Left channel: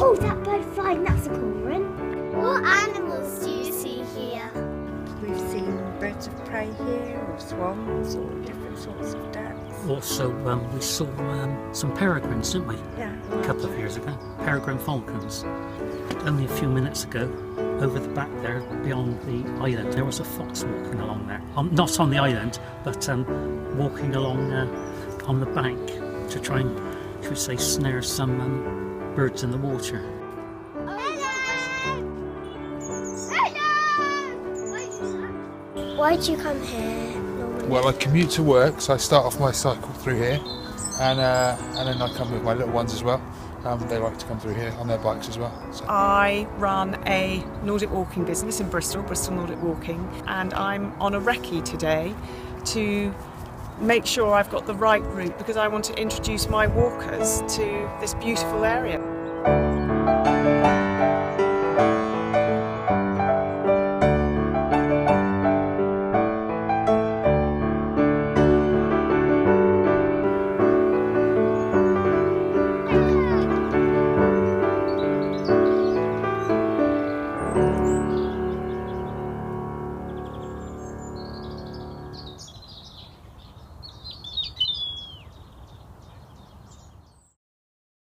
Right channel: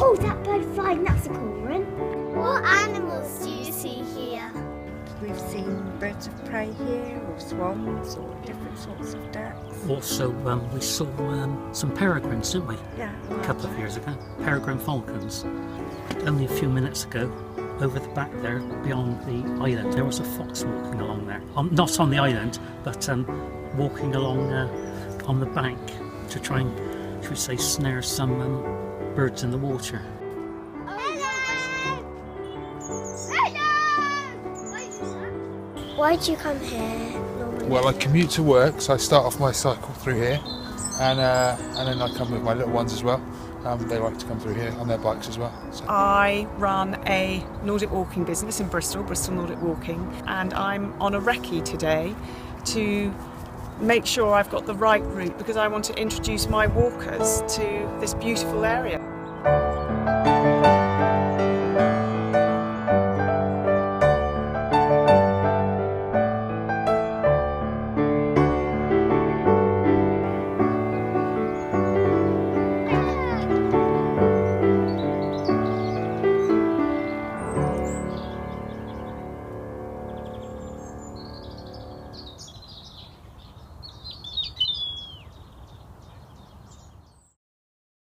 Oh, that bird flying, that's a cormorant. What animals do you see here? We've seen birds of prey here, or swans, or different sorts of ducks. Also, we saw some peregrines, didn't we? Yeah. A couple of years ago. Peregrine falcons. Only a few minutes ago, over the back there, beyond the island, there was a fox walking along there. Not on the island, but walking along on the bank to try and, should we say, snare some birds in the water. Why do you come here normally? Well, I commute to work, so I start off my cycle through here, and then I come with my little ones as well. They like to come through here on their bikes as well. So. I run a Nordic walking business in Bristol Nordic Walking, and I'm on a recce today to make sure I've got the right route because I want to introduce my walkers to this beautiful area.